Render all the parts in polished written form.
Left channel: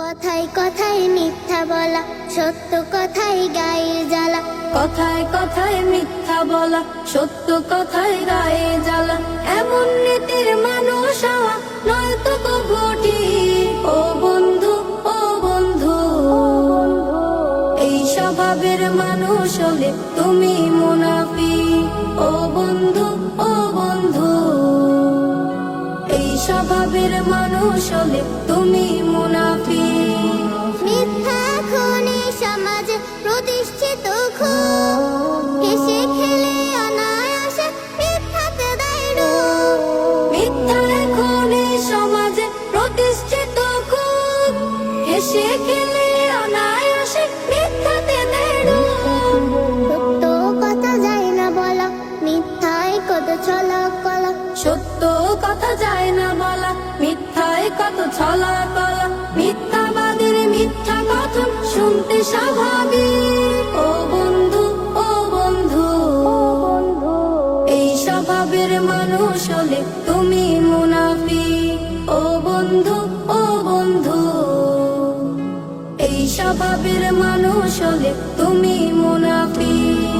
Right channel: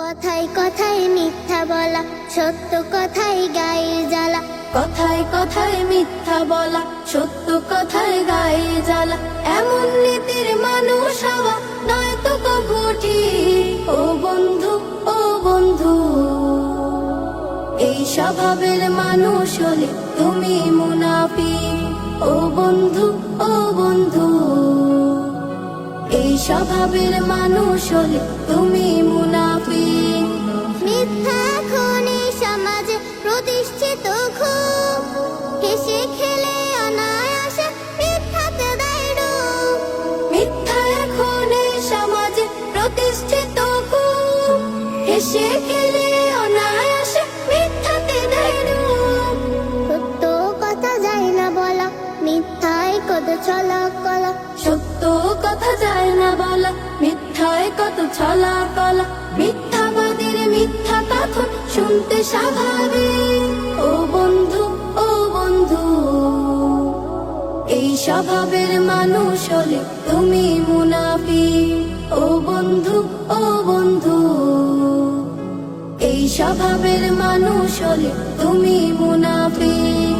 কথায় কথায় মিথ্যা বলা, সত্য কথায় গায়ে জ্বালা। কথায় কথায় মিথ্যা বলা, সত্য কথায় গায়ে জ্বালা। এমন নীতির মানুষ হওয়া নয়তো কবু ঠিক। ও বন্ধু, ও বন্ধু, এই স্বভাবের মানুষ হলে তুমি মুনাফিক। ও বন্ধু, ও বন্ধু, এই স্বভাবের মানুষ হলে তুমি মুনাফিক। মিথ্যা এখন এই সমাজে প্রতিষ্ঠিত খুব, হেসে খেলে অনায়াসে মিথ্যাতে দেয় রূপ। মিথ্যা এখন এই সমাজে প্রতিষ্ঠিত খুব, হেসে খেলে অনায়াসে মিথ্যাতে দেয় রূপ। সত্য কথা যায় না বলা, মিথ্যায় কত ছলা কলা। সত্য কথা যায় না বলা, মিথ্যায় কত ছলা কলা। মিথ্যাবাদীর মিথ্যা কথা শুনতে স্বাভাবিক। ও বন্ধু, ও বন্ধু, এই স্বভাবের মানুষ হলে তুমি মুনাফিক। ও বন্ধু, ও বন্ধু, এই স্বভাবের মানুষ হলে তুমি মুনাফিক।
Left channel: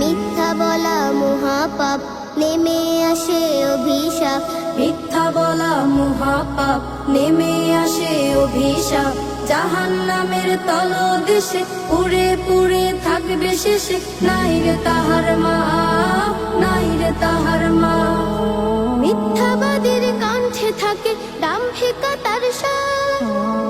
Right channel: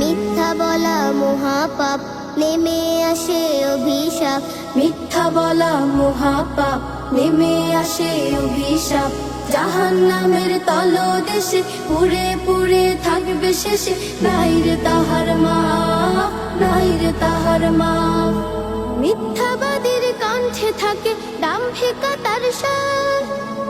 মিথ্যা বলা মহাপাপ, নেমে আসে অভিশাপ। মিথ্যা বলা মহাপাপ, নেমে আসে অভিশাপ। জাহান্নামের তলদেশে পুড়ে পুড়ে থাকবে শেষে। নাই রে তাহার মা, নাই রে তাহার মা। মিথ্যাবাদীর কণ্ঠে থাকে দাম্ভিকতার সার,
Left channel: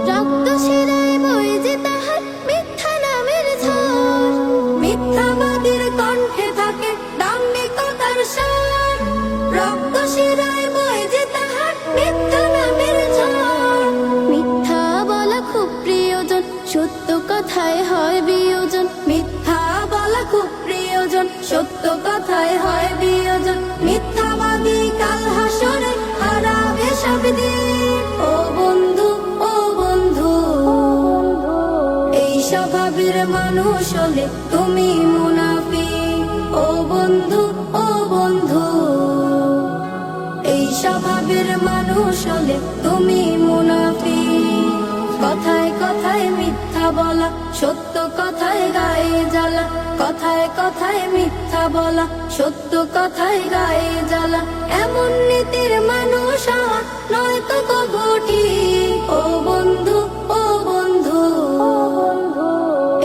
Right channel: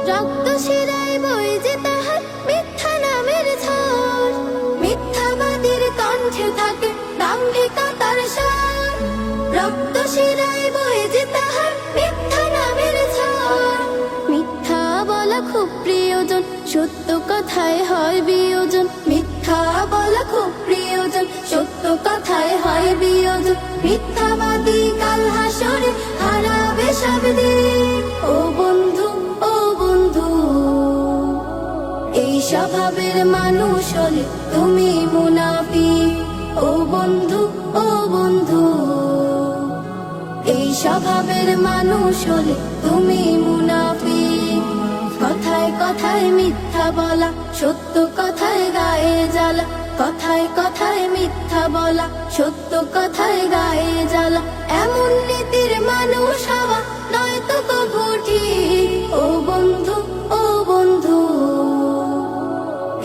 রক্ত শিরায় বয়ে যে তাহার মিথ্যা নামের ঝড়। মিথ্যাবাদীর কণ্ঠে থাকে দাম্ভিকতার সার, রক্ত শিরায় বয়ে যে তাহার মিথ্যা নামের ঝড়। মিথ্যা বলা খুব প্রিয়জন, সত্য কথায় হয় বিয়োজন। মিথ্যা বলা খুব প্রিয়জন, সত্য কথায় হয় বিয়োজন। মিথ্যাবাদী কাল হাসরে হারাবে সবদিক। ও বন্ধু, ও বন্ধু, এই স্বভাবের মানুষ হলে তুমি মুনাফিক। ও বন্ধু, ও বন্ধু, এই স্বভাবের মানুষ হলে তুমি মুনাফিক। কথায় কথায় মিথ্যা বলা, সত্য কথায় গায়ে জ্বালা। কথায় কথায় মিথ্যা বলা, সত্য কথায় গায়ে জ্বালা। এমন নীতির মানুষ হওয়া নয়তো কবু ঠিক। ও বন্ধু, ও বন্ধু,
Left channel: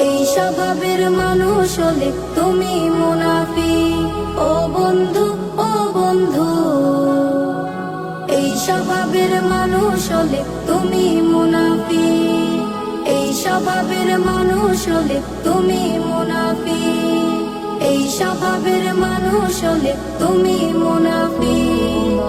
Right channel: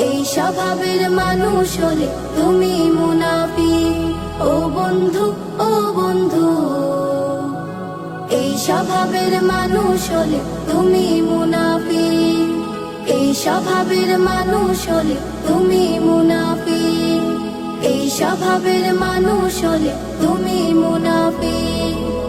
এই স্বভাবের মানুষ হলে তুমি মুনাফিক। ও বন্ধু, ও বন্ধু, এই স্বভাবের মানুষ হলে তুমি মুনাফিক। এই স্বভাবের মানুষ হলে তুমি মুনাফিক। এই স্বভাবের মানুষ হলে তুমি মুনাফিক।